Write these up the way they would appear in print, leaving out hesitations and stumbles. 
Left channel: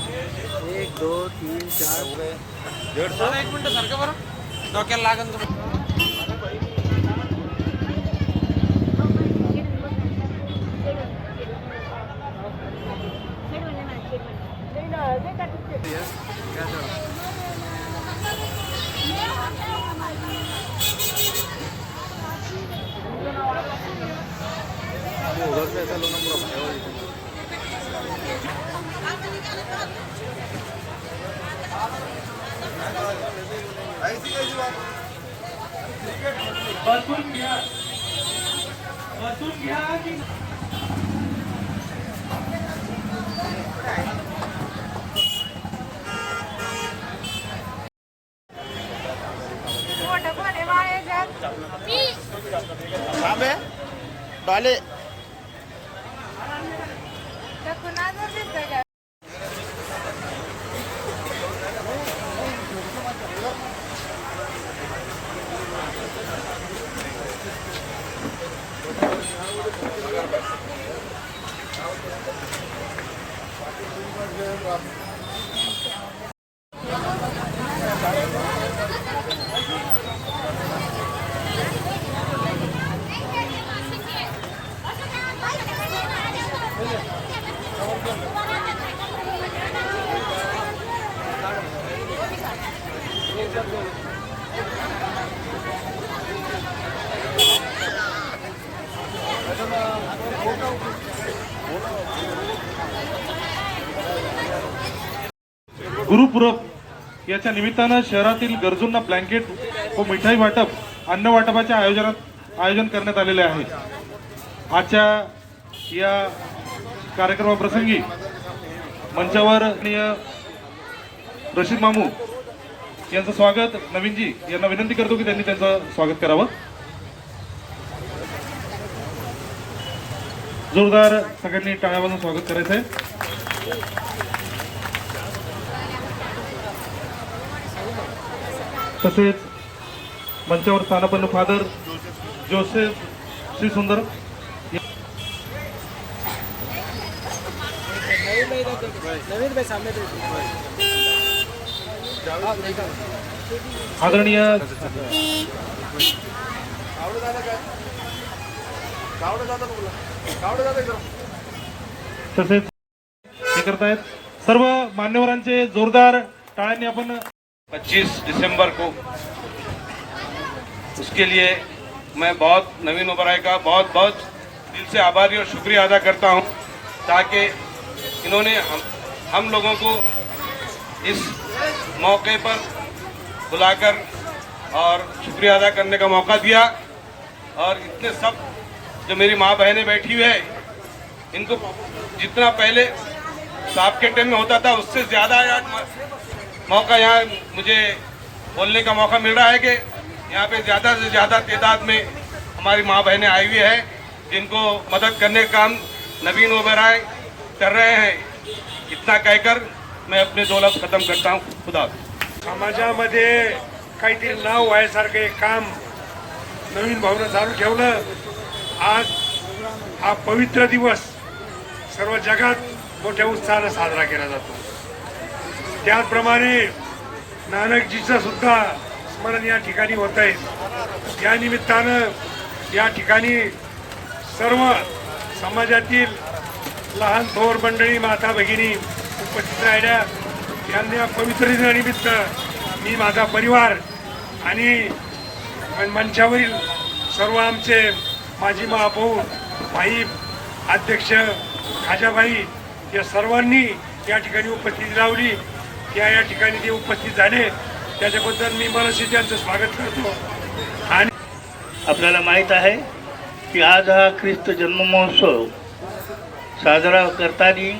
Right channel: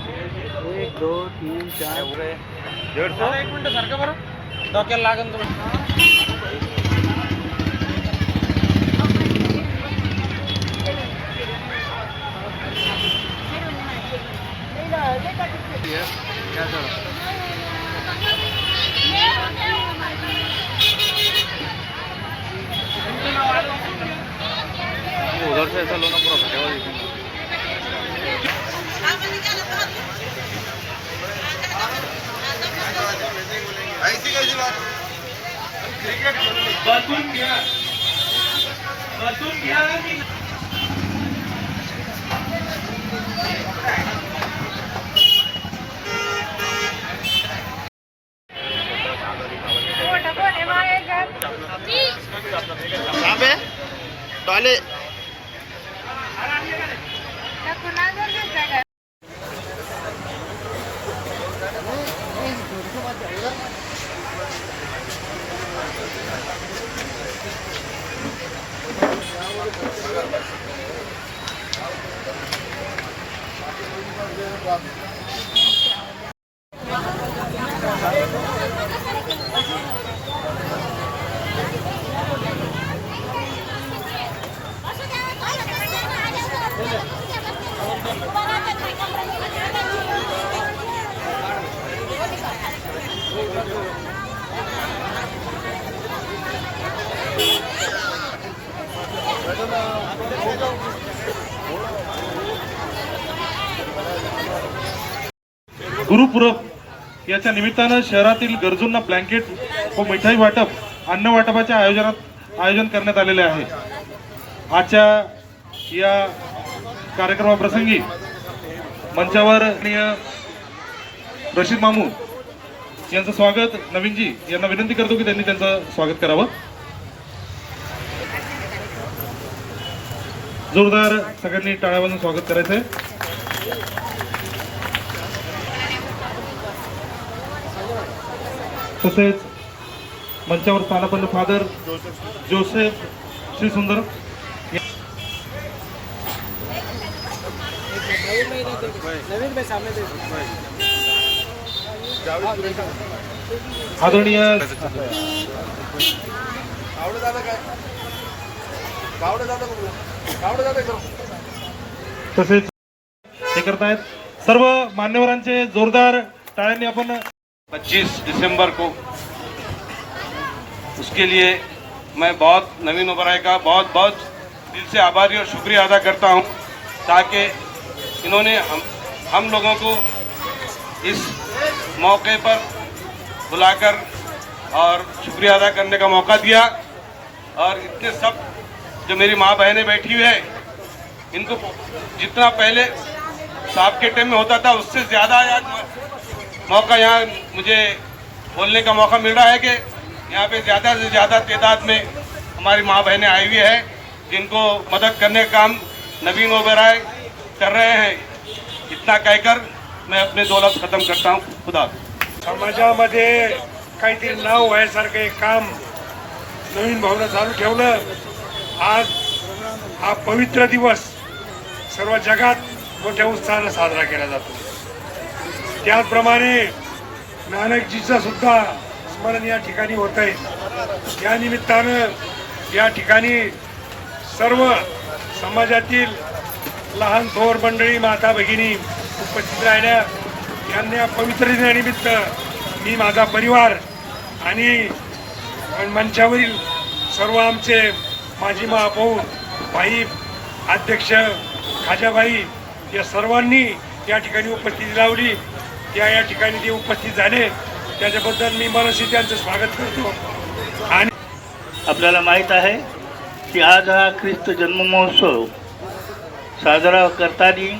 एक दो तीन चार 150. एक मिनिट सारखं बरं डोक्याला लागन तुम्ही उधर से ऐसा लो ना पूरा. ऐसी कैसी बात. बसून घ्या बसून घ्या सामे डाले. गुरुपूरब याच्या निमित्तानं शहरातील गरजूंना ब्लँकेट व मिठाई वाटप अन्न वाटपाचे आयोजन करण्यात आलेले आहे. आजच्या या कार्यक्रमाप्रसंगी मंचावर रशीद मामू यांचं स्वागत. नवीनजी यांना विनंती करतो की त्यांनी त्यांचं स्वागत करावं. जोरदार सगळ्यांनी टाळ्या वाजवून स्वागत करायचं आहे. तसेच मंचावर स्थानपन्न फादर जोसेफ श्री सुंदर नवीन भाई सामने आदरणीय तसेच हे करतायत सर्व मान्यवरांचे जोरदार टाळ्यांनी आपण 25 दिसंबर को उसके लिए मैं बहुत नवीन ओबराय का बहुत बहुत दिल से आभारी और शुक्रिया अदा करता हूं, ताकि इन्होंने हम लोगों को इस मौके पर बुलाकर और शुक्रिया अदा करने का मौका दिया. और इतने सब जो मेरी माँ बहनें बैठी हुई है, इनको जितना पहले साहब के टाइम में होता था उससे ज़्यादा आज मौका यहाँ मुझे बोलने का मौका मिल रहा है कि यहाँ पे ज़्यादा से ज़्यादा तादाद में हमारी माँ बहनें आई हुई है, जिनको मदद करने का काम नवीन ओबराय कर रहे हैं. इतना कहकर मैं अपने 2 लफ्ज खत्म करता हूँ. खुदा. समाजामध्ये काहीतरी नाव व्हायसारखं एक काम नवीन भावना चालू ठेवलं. आज हा पवित्र दिवस सर्व जगात मोठ्या उत्साहानं साजरा केला जातो. त्याचप्रमाणे नानकजीचं सुद्धा स्मरण या ठिकाणी होत आहे. या निमित्तानं या ठिकाणी सर्व समाजातील लहान थोर मंडळी माता भगिनी उपस्थित राहिल्या. यांना पवित्र दिनानिमित्त मी माझा परिवार आणि मंचावरील सर्व आमचे माजी महापौर भाई अध्यक्ष खाजाबाई या सर्वांनी या ठिकाणी उपस्थिती लावली. या ठिकाणी ते उपस्थित झाले त्याच्याबद्दल मी मनसे त्यांचं स्वागत करतो. आणि आपल्याला माहीत आहे की आज हा ख्रिस्त जन्म महोत्सव साजरा करताना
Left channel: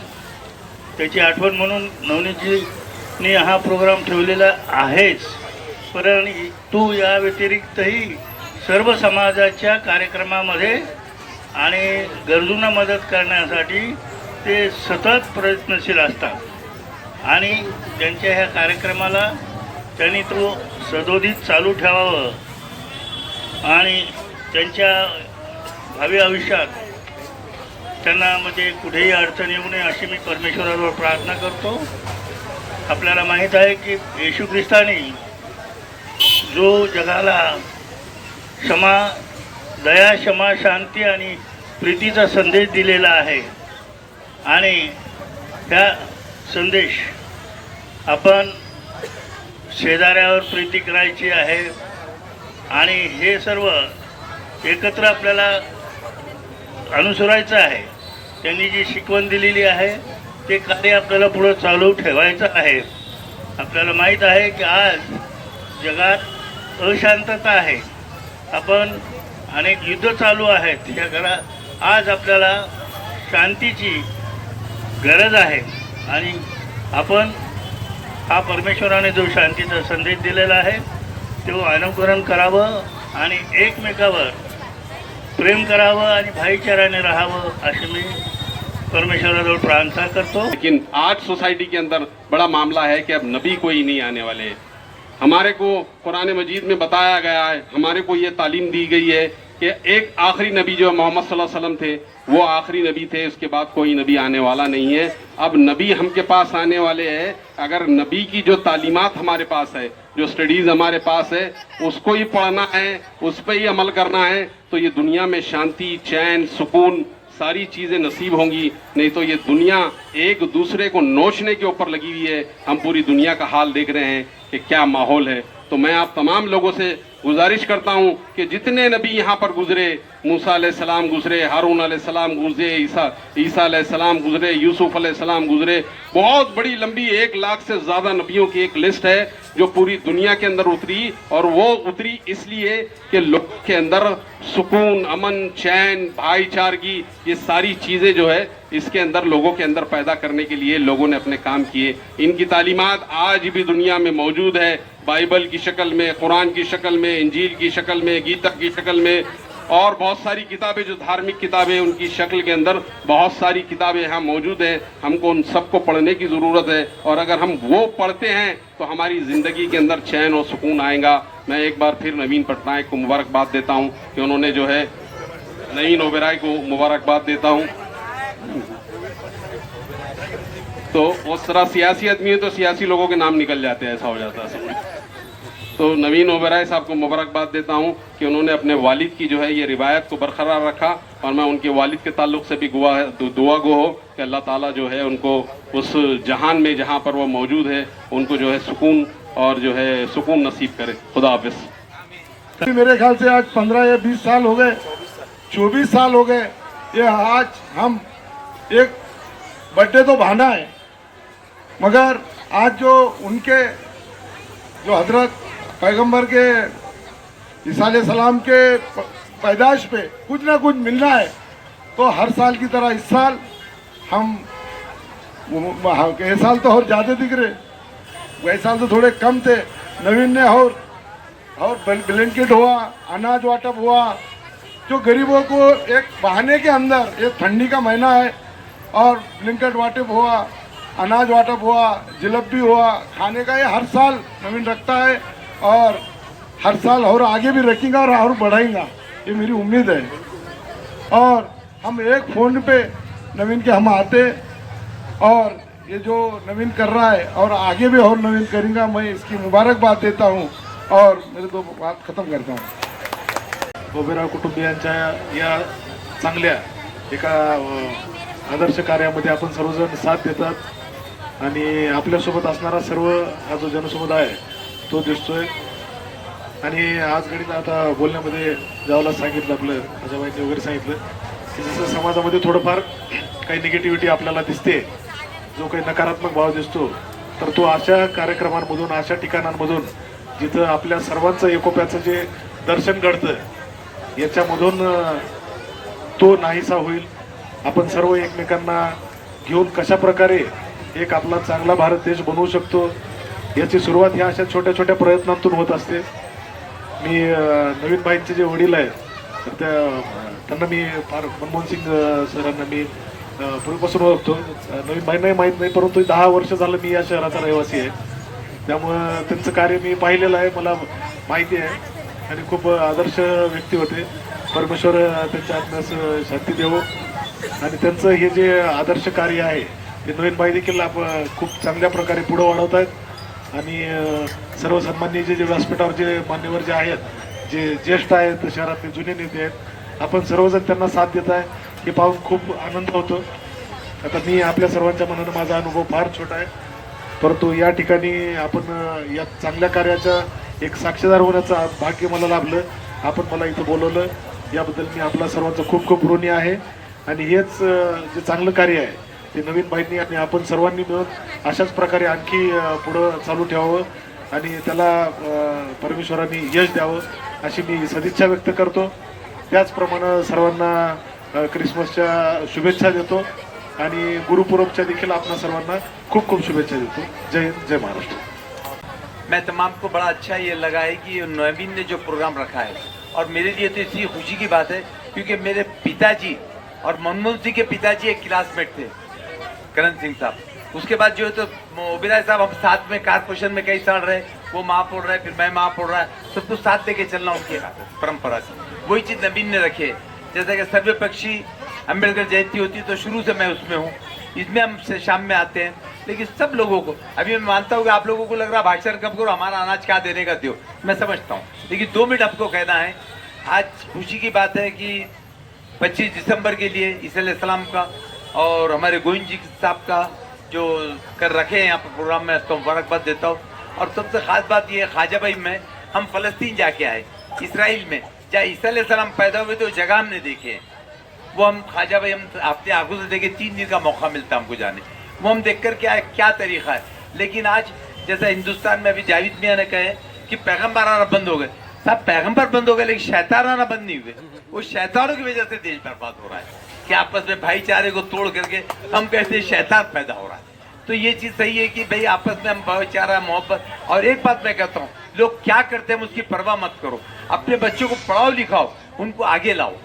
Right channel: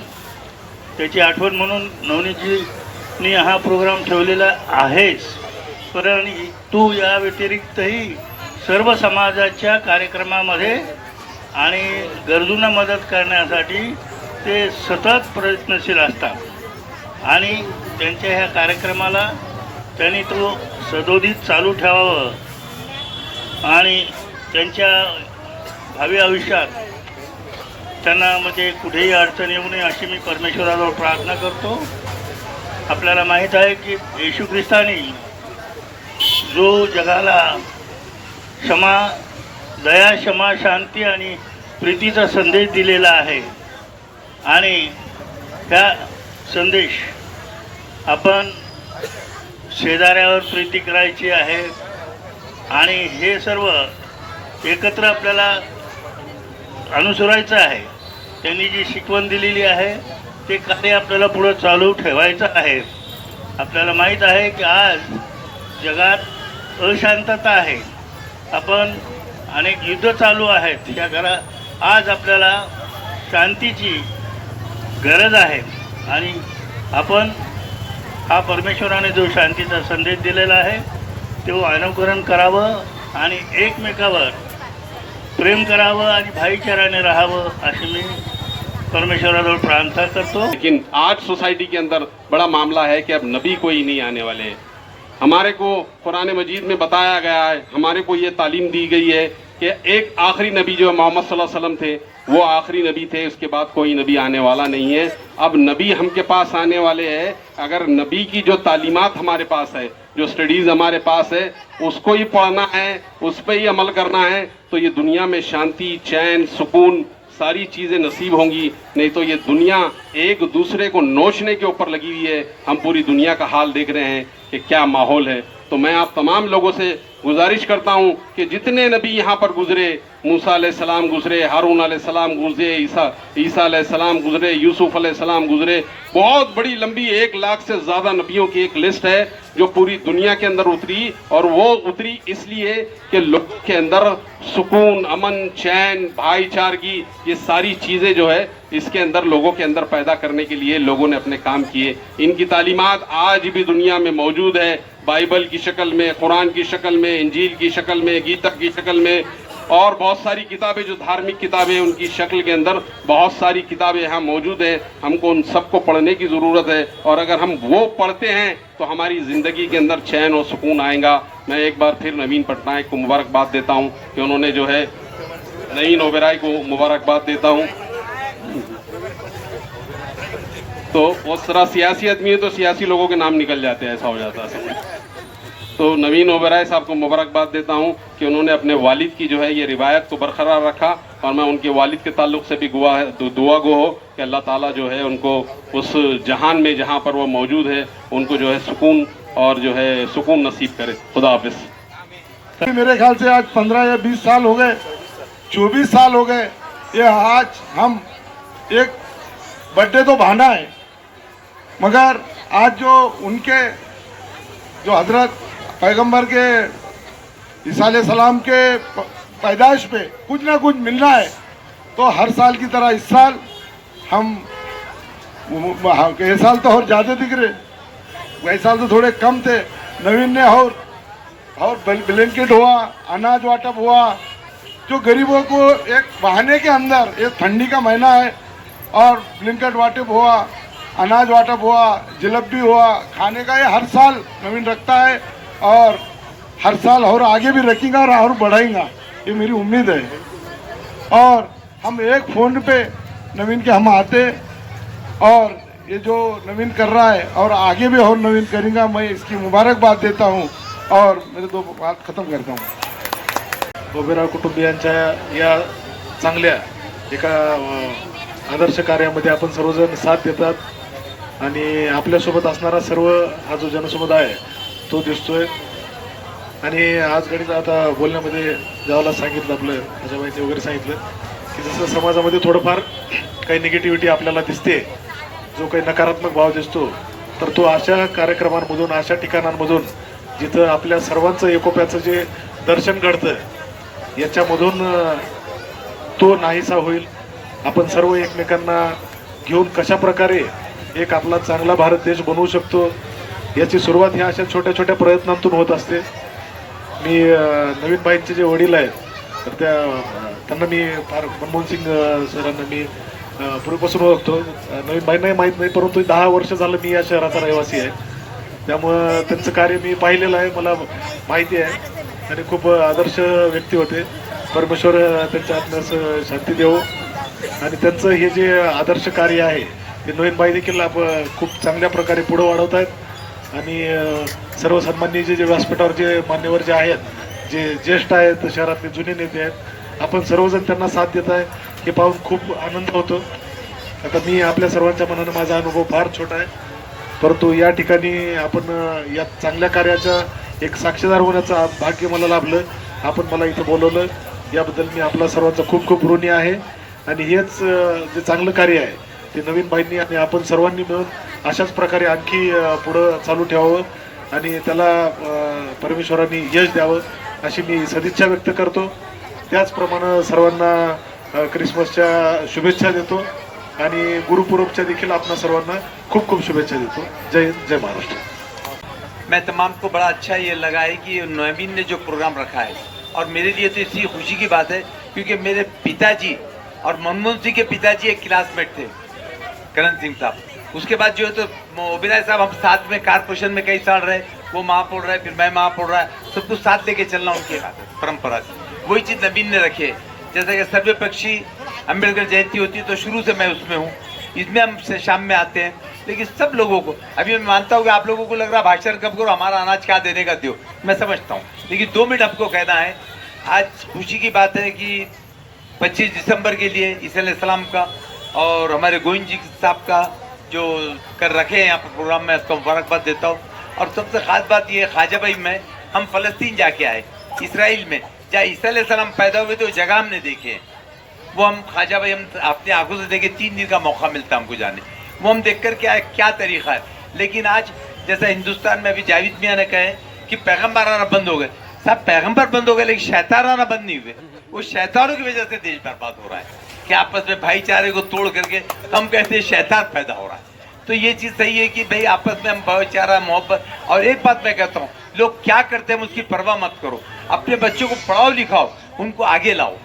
त्याची आठवण म्हणून नवनीतजींनी हा प्रोग्राम ठेवलेला आहेच, परंतु या व्यतिरिक्तही सर्व समाजाच्या कार्यक्रमामध्ये आणि गरजूंना मदत करण्यासाठी ते सतत प्रयत्नशील असतात आणि त्यांच्या ह्या कार्यक्रमाला त्यांनी तो सदोदित चालू ठेवावं आणि त्यांच्या भावी आयुष्यात त्यांना कुठेही अडचण येऊ नये अशी मी परमेश्वराजवळ प्रार्थना करतो. आपल्याला माहीत आहे की येशू ख्रिस्ताने जो जगाला क्षमा, दया, क्षमा, शांती आणि प्रीतीचा संदेश दिलेला आहे आणि त्या संदेश आपण शेजाऱ्यावर प्रीती करायची आहे आणि हे सर्व एकत्र आपल्याला अनुसरायचं आहे. त्यांनी जी शिकवण दिलेली आहे ते कार्य आपल्याला पुढे चालू ठेवायचं आहे. आपल्याला माहीत आहे की आज जगात अशांतता आहे. आपण अनेक युद्ध चालू आहेत. या घरात आज आपल्याला शांतीची गरज आहे आणि आपण हा परमेश्वराने जो शांतीचा संदेश दिलेला आहे तो अनुकरण करावं आणि एकमेकावर प्रेम करावं आणि भाईचाराने राहावं अशी मी परमेश्वराजवळ प्रार्थना करतो. लेकिन आज सोसाइटी के अंदर बड़ा मामला है कि अब नबी कोई नहीं आने वाले हैं. हमारे को कुरान मजीद में बताया गया है, हमारे को ये तालीम दी गई है कि एक आखिरी नबी जो मोहम्मद सल्लल्लाहु अलैहि वसल्लम थे वो आखिरी नबी थे, उसके बाद कोई नबी आने वाला नहीं है. अब नबी हमके पास आने वाले हैं. अगर नबी की जो तालीमात हमारे पास है, जो स्टडीज हमारे पास है, उसको ही पढ़ना है, उस पर ही अमल करना है, तो ये दुनिया में शांति, चैन, सुकून सारी चीजें नसीब होंगी. नहीं तो ये दुनिया एक दूसरे को नोचने के ऊपर लगी हुई है. हम पूरी दुनिया का हाल देख रहे हैं कि क्या माहौल है. तो मैं आप तमाम लोगों से गुजारिश करता हूं कि जितने नबी यहाँ पर गुजरे, मूसा अलैहिस्सलाम गुजरे, हारून अलैहिस्सलाम गुजरे, ईसा अलैहिस्सलाम गुजरे, यूसुफ अलैहिस्सलाम गुजरे, बहुत बड़ी लंबी 1 लाख से ज्यादा नबियों की एक लिस्ट है जो पूरी दुनिया के अंदर उतरी. और वो उतरी इसलिए कि लोगों के अंदर सुकून, अमन, चैन, भाईचारगी, ये सारी चीजें जो है इसके अंदर लोगों के अंदर पैदा करने के लिए लोगों ने अपने काम किए. इनकी तालीमात आज भी दुनिया में मौजूद है, बाइबल की शक्ल में, कुरान की शक्ल में, इंजील की शक्ल में, गीता की शक्ल में, और बहुत सारी किताबें जो धार्मिक किताबें उनकी शक्ल के अंदर बहुत सारी किताबें यहाँ मौजूद हैं. हमको उन सबको पढ़ने की ज़रूरत है और अगर हम वो पढ़ते हैं तो हमारी ज़िंदगी के अंदर चैन और सुकून आएगा. मैं एक बार फिर नवीन पटनायक को मुबारकबाद देता हूँ कि उन्होंने जो है नईन ओबेरॉय को मुबारकबाद देता हूँ. तो उस तरह सियासी आदमी है तो सियासी लोगों के नाम निकल जाते हैं, ऐसा हो जाता है. तो नवीन ओबेरॉय साहब को मुबारकबाद देता हूं कि उन्होंने अपने वालिद की जो है ये रिवायत को बरकरार रखा और मैं उनके वालिद के ताल्लुक से भी दुआ गो हो कि अल्लाह ताला जो है उनको उस जहान में जहां पर वो मौजूद है उनको जो है सुकून और जो है सुकून नसीब करे. खुदा हाफिज. मेरे ख्याल से आज 15 या 20 साल हो गए, 24 साल हो गए. ये आज हम एक बर्थडे तो बहाना है, मगर आज जो उनके जो हजरत पैगंबर के ईसा अलैहिस्सलाम के पैदाइश पे कुछ ना कुछ मिलना है. तो हर साल की तरह इस साल हम ये साल तो और ज़्यादा दिख रहे, वही साल तो थोड़े कम थे. नवीन ने और ब्लैंकेट हुआ, अनाज वाटप हुआ, जो गरीबों को एक बहाने के अंदर, ये ठंडी का महीना है और ब्लैंकेट वाटप हुआ, अनाज वाटप हुआ, जलेबी हुआ, खाने का ये हर साल नवीन रखता है और हर साल और आगे भी रखेगा और बढ़ाएगा, ये मेरी उम्मीद है. और हम एक फ़ोन पे नवीन के हम आते और ये जो नवीन कर रहा है और आगे भी और नवीन करेगा, मैं इसकी मुबारकबाद देता हूँ और मेरे दो बात खत्म करता हूँ. ओबेरॉय कुटुंबियांच्या या चांगल्या एका आदर्श कार्यामध्ये आपण सर्वजण साथ देतात आणि आपल्यासोबत असणारा सर्व हा जो जनसमुदाय तो दिसतोय. आणि आज गणित आता बोलण्यामध्ये ज्यावेळेला सांगितलं आपलं आजोबाईंनी वगैरे सांगितलं की जसं समाजामध्ये थोडंफार काही निगेटिव्हिटी आपल्याला दिसते, जो काही नकारात्मक भाव दिसतो, तर तो अशा कार्यक्रमांमधून, अशा ठिकाणांमधून जिथं आपल्या सर्वांचं एकोप्याचं जे दर्शन घडतं याच्यामधून तो नाहीसा होईल. आपण सर्व एकमेकांना घेऊन कशा प्रकारे एक आपला चांगला भारत देश बनवू शकतो याची सुरुवात ह्या अशा छोट्या छोट्या प्रयत्नांतून होत असते. मी नवीन बाईंचे जे वडील आहेत तर त्यांना मी फार मनमोहन सिंग सरांना मी पूर्वीपासून ओळखतो. नवीन बाईंनाही माहीत नाही, परंतु 10 वर्ष झालं मी या शहराचा रहिवासी आहे, त्यामुळं त्यांचं कार्य मी पाहिलेलं आहे, मला माहिती आहे आणि खूप आदर्श व्यक्ती होते. परमेश्वर त्यांच्या आत्म्यास शांती देवो आणि त्यांचं हे जे आदर्श कार्य आहे ते नवीन भाई देखील खूप चांगल्या प्रकारे पुढे वाढवत आहेत आणि सर्व सन्माननीय जे व्यासपीठावर जे मान्यवर जे आहेत जे ज्येष्ठ आहेत शहरातले जुने नेते आहेत आपण सर्वजण त्यांना साथ देत आहे हे पाहून खूप आनंद होतो. आता मी आपल्या सर्वांच्या मनानं माझा अनुभव फार छोटा आहे परंतु या ठिकाणी आपण या चांगल्या कार्याचं एक साक्षीदार होण्याचं भाग्य मला लाभलं. आपण मला इथं बोलवलं याबद्दल मी आपला सर्वांचा खूप खूप ऋणी आहे आणि हेच जे चांगलं कार्य आहे ते नवीन बाईंनी आणि आपण सर्वांनी मिळून अशाच प्रकारे आणखी पुढं चालू ठेवावं आणि त्याला परमेश्वरांनी यश द्यावं अशी मी सदिच्छा व्यक्त करतो. त्याचप्रमाणे सर्वांना क्रिसमसच्या शुभेच्छा देतो आणि गुरुपूरबच्या देखील आपल्या सर्वांना खूप खूप शुभेच्छा देतो. जय हिंद, जय महाराष्ट्र. मैं तमाम को बड़ा अच्छा ये लगा है कि नवीन ने जो प्रोग्राम रखा है और मेरे लिए तो इसी खुशी की बात है क्योंकि मेरे पिताजी और मनमोहन सिंह के पिताजी एक क्लासमेट थे, करण सिंह साहब. उसके बाद जो है तो ओबेरॉय साहब हम साथ में कारपोरेशन में कई साल रहे, वो महापौर रहे, फिर मैं महापौर रहा, सब कुछ साथ लेके चलना उनकी परंपरा से. वही चीज़ नवीन ने रखी है. जैसे कि सर्वपक्षी अम्बेडकर जयंती होती है तो शुरू से मैं उसमें हूँ. इसमें हम शाम में आते हैं लेकिन सब लोगों को, अभी मैं मानता हूँ कि आप लोगों को लग रहा भाषण कब करो, हमारा अनाज क्या देने का दो, मैं समझता हूँ, लेकिन 2 मिनट आपको कहना है. आज खुशी की बात है कि 25 दिसंबर के लिए ईसा अलैहिस्सलाम का और हमारे गोविंद जी साहब का जो कर रखे हैं यहाँ पर प्रोग्राम में, आपको मुबारकबाद देता हूँ. और सबसे खास बात यह ख्वाजा भाई में हम फ़लस्तीन जाके आए, इसराइल में जहाँ ईसा अलैहिस्सलाम पैदा हुए तो जगह हमने देखे हैं. वो हम ख्वाजा भाई हम अपने आंखों से देखे, 3 दिन का मौका मिलता हमको जाने, वो हम देख कर के आए क्या तरीका है. लेकिन आज जैसा हिंदुस्तान में अभी जावेद मियाँ ने कहे कि पैगम्बर आना बंद हो गए. सब पैगम्बर बंद हो गए लेकिन शैतान आना बंद नहीं हुए. वो शैतानों की वजह से देश बर्बाद हो रहा है कि आपस में भाईचारे को तोड़ करके हम कहते हैं शैतान पैदा हो रहा है. तो ये चीज़ सही है कि भाई आपस में हम भाईचारा मोहब्बत. और एक बात मैं कहता हूँ, लोग क्या करते हैं उसकी परवाह मत करो, अपने बच्चों को पढ़ाओ लिखाओ, उनको आगे लाओ,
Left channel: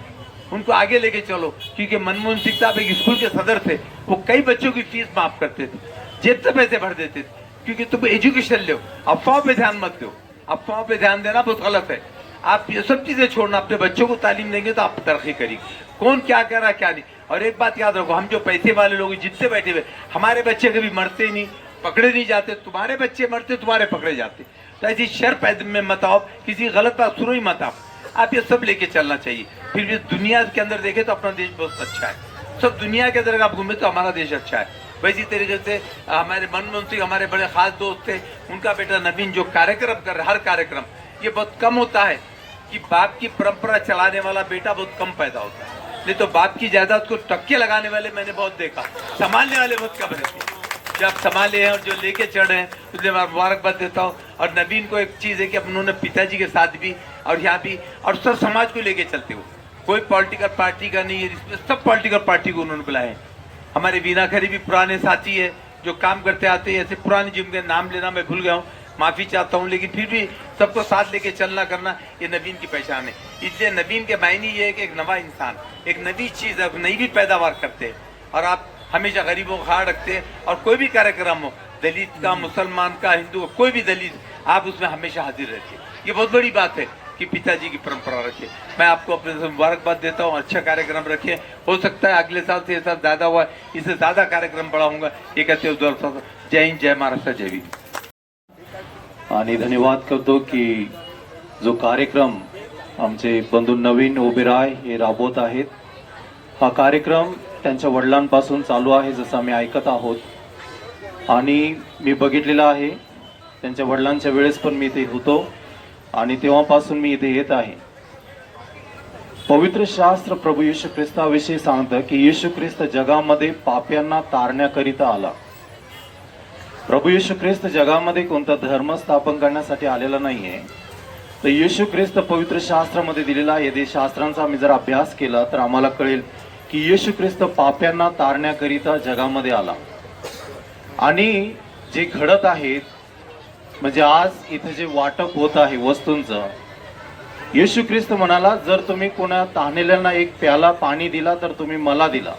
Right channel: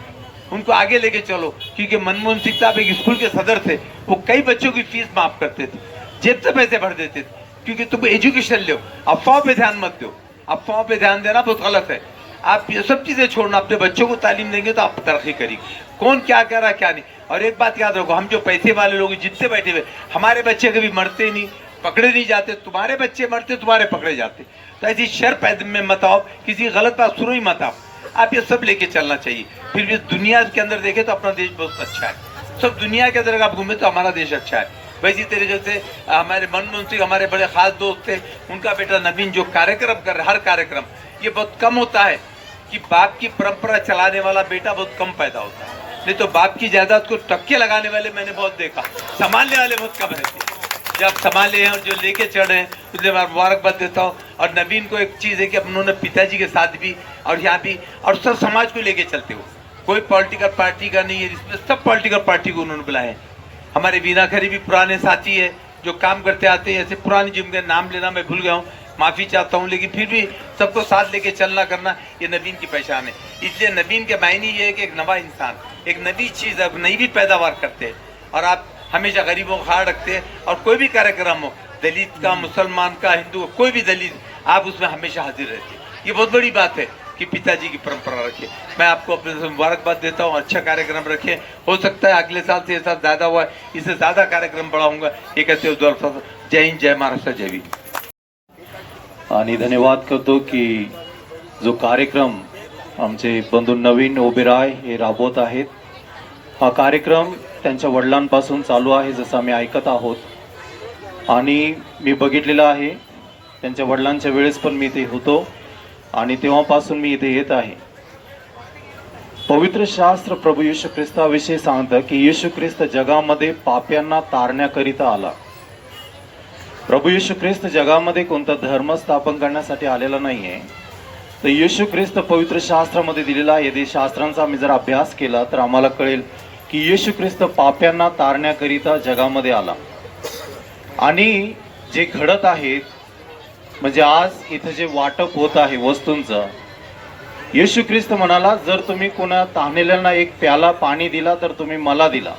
उनको आगे लेके चलो. क्योंकि मनमोहन सिंह साहब एक स्कूल के सदर थे, वो कई बच्चों की फीस माफ करते थे, जेब से पैसे भर देते थे. क्योंकि तुम एजुकेशन लो, अफवाहों पे ध्यान मत दो. अफवाहों पे ध्यान देना बहुत गलत है. आप ये सब चीजें छोड़ना, अपने बच्चों को तालीम देंगे तो आप तरक्की करेंगे. कौन क्या कर रहा क्या नहीं. और एक बात याद रखो, हम जो पैसे वाले लोग जितने बैठे हुए, हमारे बच्चे कभी मरते नहीं, पकड़े नहीं जाते. तुम्हारे बच्चे मरते, तुम्हारे पकड़े जाते. तो ऐसी शर पैदा में मत आओ, किसी गलत बात सुनो ही मत आओ. आप ये सब लेके चलना चाहिए. फिर भी दुनिया के अंदर देखे तो अपना देश बहुत अच्छा है. सब दुनिया के अंदर आप घूमे तो हमारा देश अच्छा है. वैसी तरीके से हमारे मनमोहन सिंह हमारे बड़े खास दोस्त थे, उनका बेटा नवीन जो कार्यक्रम कर रहे, हर कार्यक्रम, ये बहुत कम होता है कि बाप की परंपरा चलाने वाला बेटा बहुत कम पैदा होता है. नहीं तो बाप की जायदाद को टक्के लगाने वाले मैंने बहुत देखा, संभालने वाले बहुत कम रहते. जब संभाले हैं और जो लेके चढ़े हैं उसके बाद मुबारकबाद देता हूँ. और नवीन को एक चीज़ है कि उन्होंने पिताजी के साथ भी और यहाँ भी और सब समाज को लेके चलते हो. कोई पॉलिटिकल पार्टी का नहीं है, इसमें सब पॉलिटिकल पार्टी को उन्होंने बुलाया है. हमारे वीना खरी भी पुराने साथी है जो काम करते आते हैं. ऐसे पुराने जिनके नाम लेना मैं भूल गया हूँ, माफ़ी चाहता हूँ, लेकिन फिर भी सबको साथ लेके चलना करना ये नवीन की पहचान है. इसलिए नवीन के मायने ये है कि एक नवा इंसान, एक नई चीज़, एक नई भी पैदावार करते हैं. और आप हमेशा गरीबों का ख्याल रखते हैं. और कोई भी कार्यक्रम हो, दलित का, मुसलमान का, हिंदू का, कोई भी दलित, आप उसमें हमेशा हाजिर रहते हैं. ये बहुत बड़ी बात है कि पिताजी की परंपरा रखे. मैं आपको अपने से मुबारकबाद देता हूँ. अच्छा कार्यक्रम रखे. हो सकता है अगले साल से ये साल ज़्यादा हुआ, इससे ज़्यादा कार्यक्रम बड़ा होगा. ये कहते हो. जय हिंद, जय महाराष्ट्र, जय भीम. आणि धन्यवाद करतो की जो कार्यक्रम आमचे बंधू नवीन ओबेरॉय हे राबवत आहेत. हा कार्यक्रम त्यांच्या वडिलांपासून चालू आहे, जसं आम्ही ऐकत आहोत. आणि मी बघितलेलं आहे, त्यांच्या वडिलांच्या वेळेस पण मी इथे होतो आणि तेव्हापासून मी इथे येत आहे. पवित्र शास्त्र प्रभू येशू ख्रिस्ताविषयी सांगतं की येशू ख्रिस्त जगामध्ये पाप्यांना तारण्याकरिता आला. प्रभू येशू ख्रिस्त जगामध्ये कोणता धर्म स्थापन करण्यासाठी आलेला नाहीये. तर येशू ख्रिस्त पवित्र शास्त्रामध्ये दिलेला आहे. यदि शास्त्रांचा आम्ही जर अभ्यास केला तर आम्हाला कळेल की येशू ख्रिस्त पाप्यांना तारण्याकरिता जगामध्ये आला. आणि जे घडत आहेत, म्हणजे आज इथे जे वाटप होत आहे वस्तूंचं, येशू ख्रिस्त म्हणाला, जर तुम्ही कोणा ताणलेल्यांना एक प्याला पाणी दिला तर तुम्ही मला दिला,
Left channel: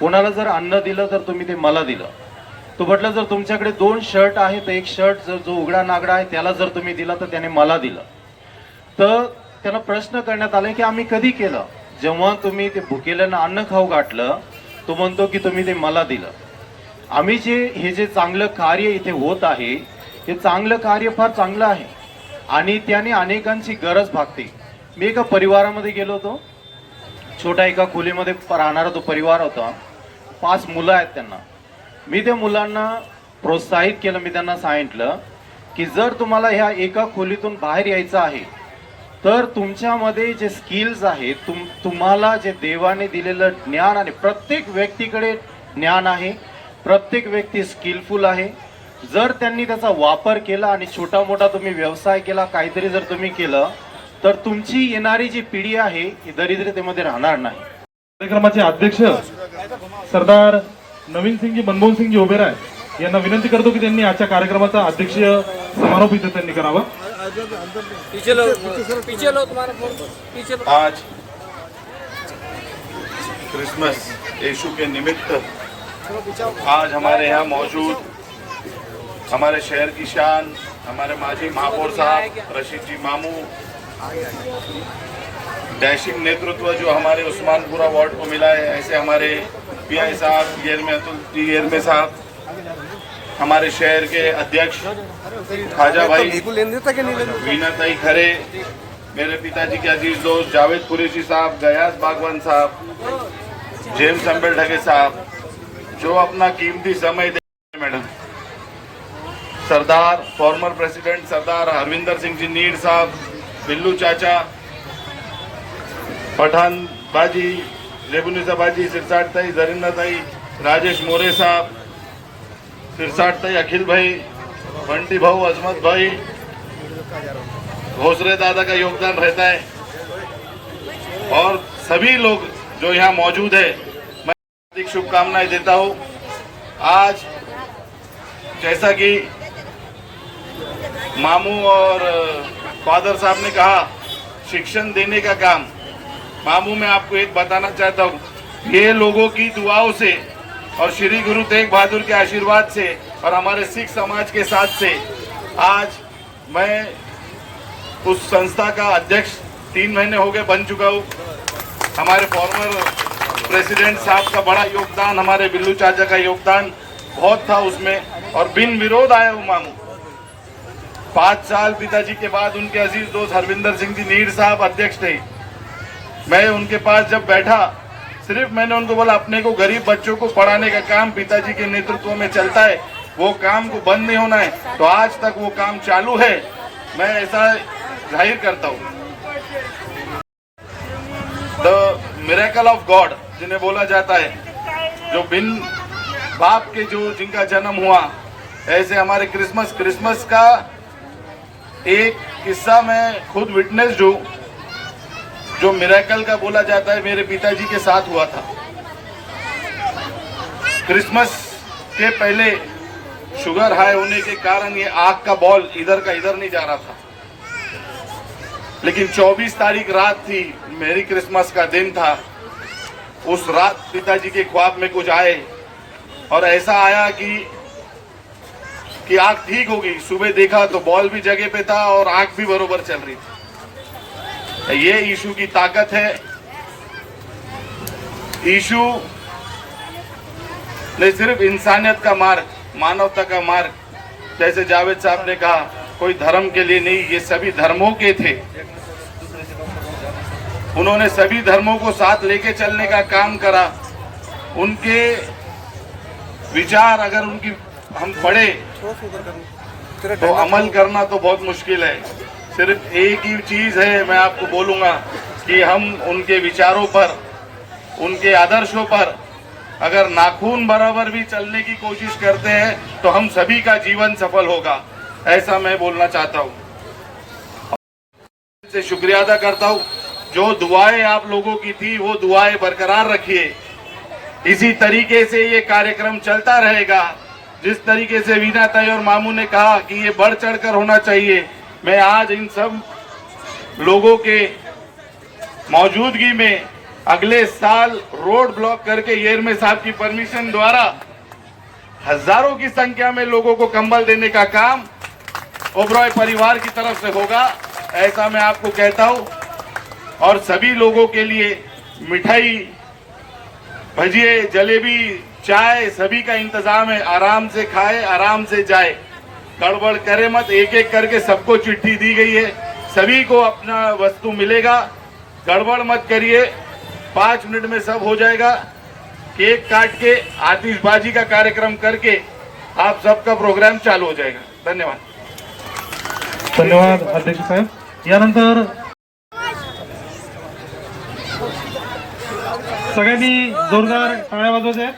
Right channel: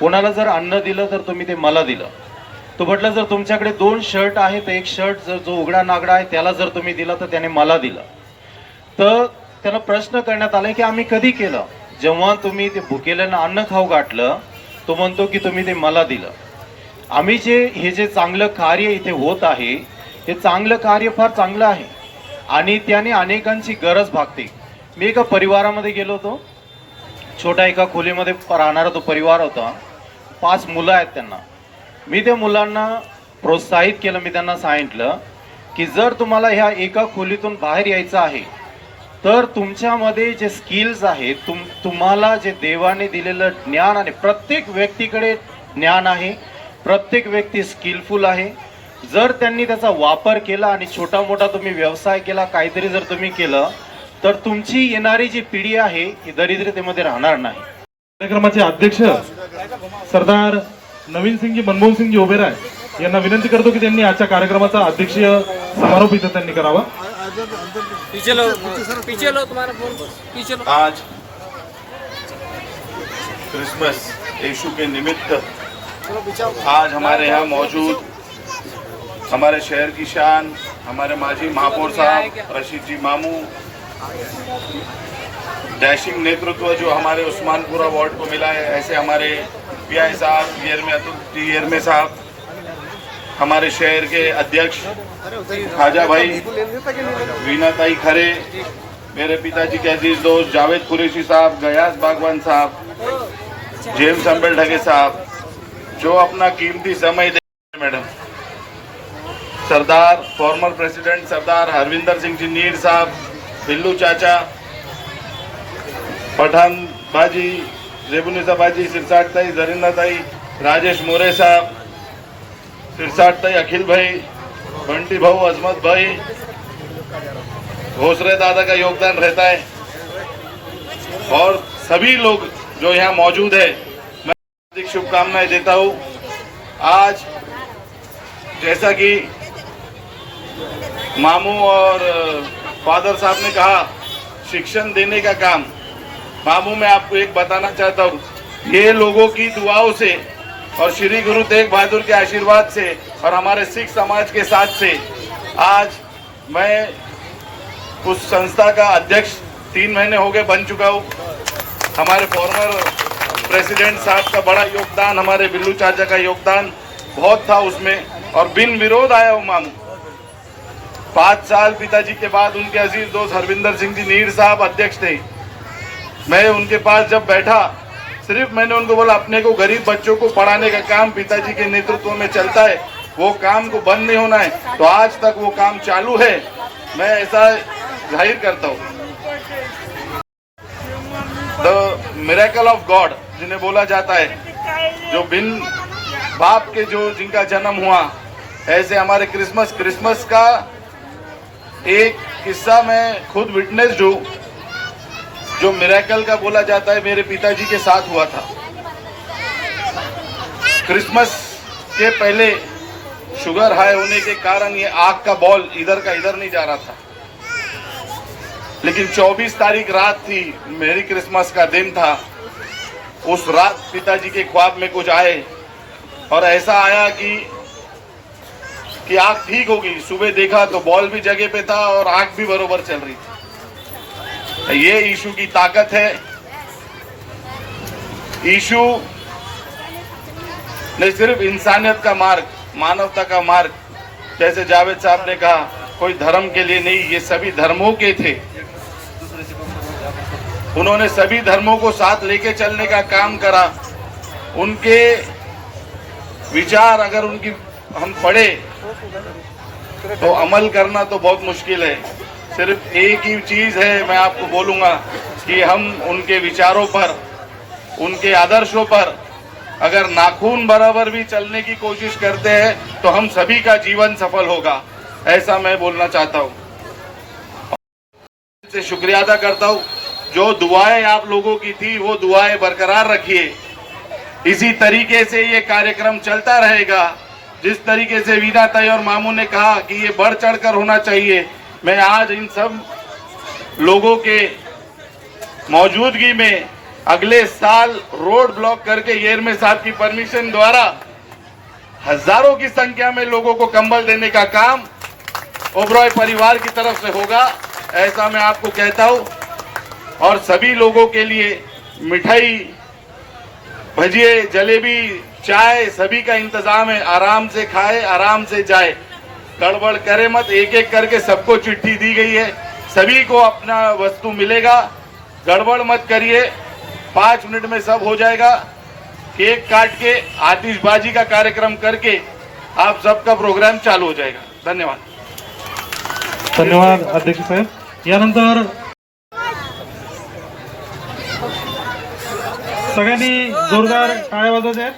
कोणाला जर अन्न दिलं तर तुम्ही ते मला दिलं. तो म्हटलं, जर तुमच्याकडे 2 शर्ट आहेत तर एक शर्ट जर जो उघडा नागडा आहे त्याला जर तुम्ही दिला तर त्याने मला दिलं. तर त्याला प्रश्न करण्यात आला की आम्ही कधी केलं. जेव्हा तुम्ही ते भुकेल्यांना अन्न खाऊ घातलं, तो म्हणतो की तुम्ही ते मला दिलं. आम्ही हे जे चांगलं कार्य इथे होत आहे हे चांगलं कार्य फार चांगलं आहे आणि त्याने अनेकांची गरज भागते. मी एका परिवारामध्ये गेलो होतो. छोट्या एका खोलीमध्ये राहणारा तो परिवार होता. 5 मुलं आहेत त्यांना. मी त्या मुलांना प्रोत्साहित केलं. मी त्यांना सांगितलं की जर तुम्हाला ह्या एका खोलीतून बाहेर यायचं आहे तर तुमच्यामध्ये जे स्किल्स आहेत तुम्हाला जे देवाने दिलेलं ज्ञान आणि प्रत्येक व्यक्तीकडे ज्ञान आहे. प्रत्येक व्यक्ती स्किलफुल आहे. जर त्यांनी त्याचा वापर केला आणि छोटा मोठा तुम्ही व्यवसाय केला काहीतरी जर तुम्ही केलं तर तुमची येणारी जी पिढी आहे ही दरिद्रतेमध्ये राहणार नाही. कार्यक्रमाचे अध्यक्ष सरदार नवीन सिंगजी मनमोहन सिंगजी ओबेराय यांना विनंती करतो की त्यांनी आजच्या कार्यक्रमाचा अध्यक्षीय समारोप इथे त्यांनी करावा. पीछे लो तुम्हारा फोन पीछे लो. आज क्रिसमस यीशु के निमित्त आज हमारे यहाँ मौजूद हमारे शहर की शान हमारे माजी महापौर साहब रशीद जी मामू, डैशिंग नेतृत्व जो हमारे उस्मानपुरा वार्ड को मिला है, ऐसे हमारे पीआई साहब येरमे साहब, हमारे शहर के अध्यक्ष खाजा भाई, वीना ताई खरे, मेरे पिताजी के अजीज दोस्त जावेद कुरैशी साहब, गयास बागवान साहब, जेम्स अंबेल ढगे साहब, जो अपना कीमती समय दे. मैडम सरदार फॉर्मर प्रेसिडेंट सरदार हरविंदर सिंह जी नीर साहब, बिल्लू चाचा, पठान बाजी, रेबुनिसा बाजी, सिरसाट ताई, जरिंदा ताई, राजेश मोरे साहब, सिरसाट ताई, अखिल भाई, बंटी भाऊ, अजमत भाई, घोसरे दादा का योगदान रहता है और सभी लोग जो यहाँ मौजूद है मैं हार्दिक शुभकामनाएं देता हूँ. आज जैसा कि मामू और फादर साहब ने कहा शिक्षण देने का काम, मामू मैं आपको एक बताना चाहता हूँ, ये लोगों की दुआओं से और श्री गुरु तेग बहादुर के आशीर्वाद से और हमारे सिख समाज के साथ से आज मैं उस संस्था का अध्यक्ष 3 महीने हो गए बन चुका हूँ. हमारे फॉर्मर प्रेसिडेंट साहब का बड़ा योगदान, हमारे बिल्लू चाचा का योगदान बहुत था उसमें और बिन विरोध आया हूँ मामू. 5 साल पिताजी के बाद उनके अजीज दोस्त हरविंदर सिंह जी नीर साहब अध्यक्ष थे. मैं उनके पास जब बैठा सिर्फ मैंने उनको बोला अपने को गरीब बच्चों को पढ़ाने का काम पिताजी के नेतृत्व में चलता है, वो काम को बंद नहीं होना है. तो आज तक वो काम चालू है. मैं ऐसा जाहिर करता हूँ. द मिरेकल ऑफ गॉड जिन्हें बोला जाता है, जो बिन बाप के जो जिनका जन्म हुआ, ऐसे हमारे क्रिसमस का एक किस्सा मैं खुद विटनेस्ड हूँ. जो मिरेकल का बोला जाता है मेरे पिताजी के साथ हुआ था. क्रिसमस के पहले शुगर हाई होने के कारण ये आग का बॉल इधर का इधर नहीं जा रहा था, लेकिन 24 तारीख रात थी, मेरी क्रिसमस का दिन था. उस रात पिताजी के ख्वाब में कुछ आए और ऐसा आया कि आग ठीक हो गई. सुबह देखा तो बॉल भी जगह पे था और आग भी बरोबर चल रही थी. ये यीशु की ताकत है. यीशु ने सिर्फ इंसानियत का मार्ग, मानवता का मार्ग, जैसे जावेद साहब ने कहा, कोई धर्म के लिए नहीं, ये सभी धर्मों के थे. उन्होंने सभी धर्मों को साथ लेके चलने का काम करा. उनके विचार अगर उनकी हम पढ़े तो अमल करना तो बहुत मुश्किल है. सिर्फ एक ही चीज है, मैं आपको बोलूंगा कि हम उनके विचारों पर, उनके आदर्शों पर अगर नाखून बराबर भी चलने की कोशिश करते हैं तो हम सभी का जीवन सफल होगा. ऐसा मैं बोलना चाहता हूँ. से शुक्रिया अदा करता हूँ. जो दुआएं आप लोगों की थी वो दुआएं बरकरार रखिए. इसी तरीके से ये कार्यक्रम चलता रहेगा. जिस तरीके से वीना ताई और मामू ने कहा कि ये बढ़ चढ़कर होना चाहिए, मैं आज इन सब लोगों के मौजूदगी में अगले साल रोड ब्लॉक करके येरमे साहब की परमिशन द्वारा हजारों की संख्या में लोगों को कंबल देने का काम ओबरॉय परिवार की तरफ से होगा. ऐसा मैं आपको कहता हूं. और सभी लोगों के लिए मिठाई, भजिए, जलेबी, चाय सभी का इंतजाम है, आराम से खाए आराम से जाए, गड़बड़ करे मत। एक एक करके सबको चिट्ठी दी गई है, सभी को अपना वस्तु मिलेगा, गड़बड़ मत करिए। 5 मिनट में सब हो जाएगा। केक काट के आतिशबाजी का कार्यक्रम करके आप सबका प्रोग्राम चालू हो जाएगा। धन्यवाद। धन्यवाद अध्यक्ष साहेब। यानंतर सगळ्यांनी जोरदार टाळ्या वाजवत आहेत.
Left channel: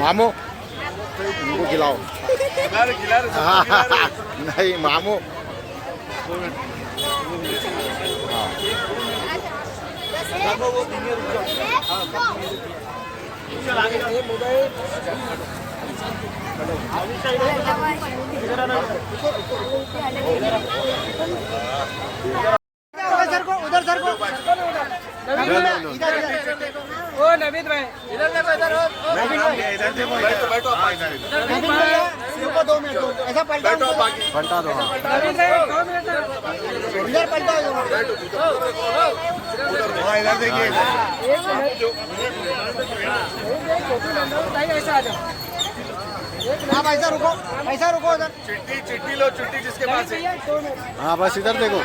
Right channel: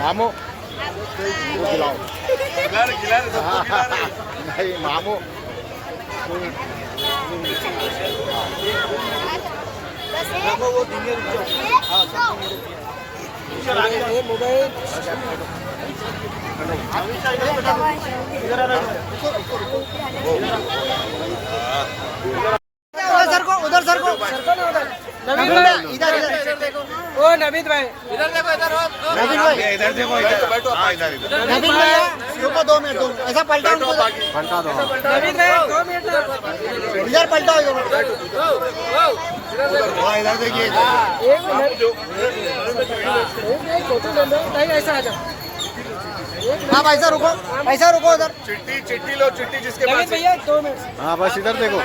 मामू खिलाओ नहीं मामू उधर सर को नवीद भाई इधर देखो, इधर देखो, नवीद भाई रुको 2 मिनट, ऐसा पलटा दो, नवीद भाई 2 मिनट इधर पलटाओ, इधर देखिए, ऐसा आ जाओ। हाँ पैसा रुको उधर, चिट्ठी लो, चिट्ठी जिसके पास है। 2 मिनट, हाँ बस इधर देखो।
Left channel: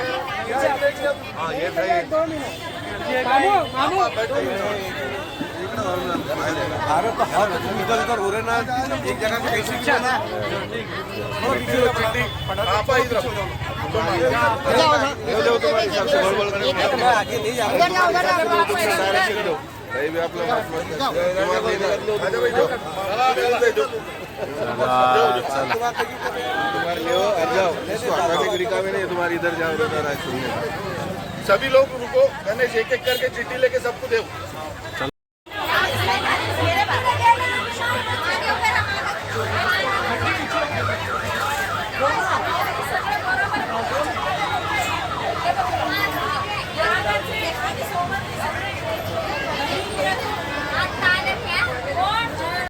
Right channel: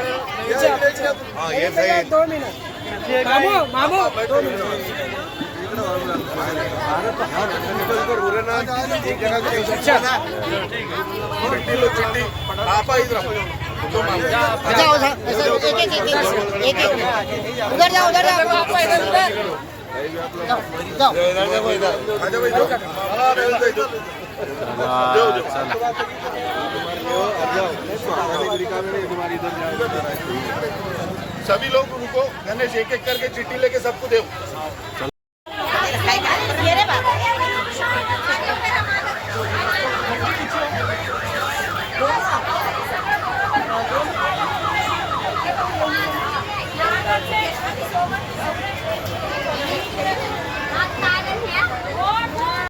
हाँ ये सही, 2 मिनट मामू 2 मिनट। चिट्ठी लो, चिट्ठी आप इधर तुम्हारी इधर जाओ। सभी लोग रुको, गणेश एक एक करके चिट्ठी लेके सबको दो।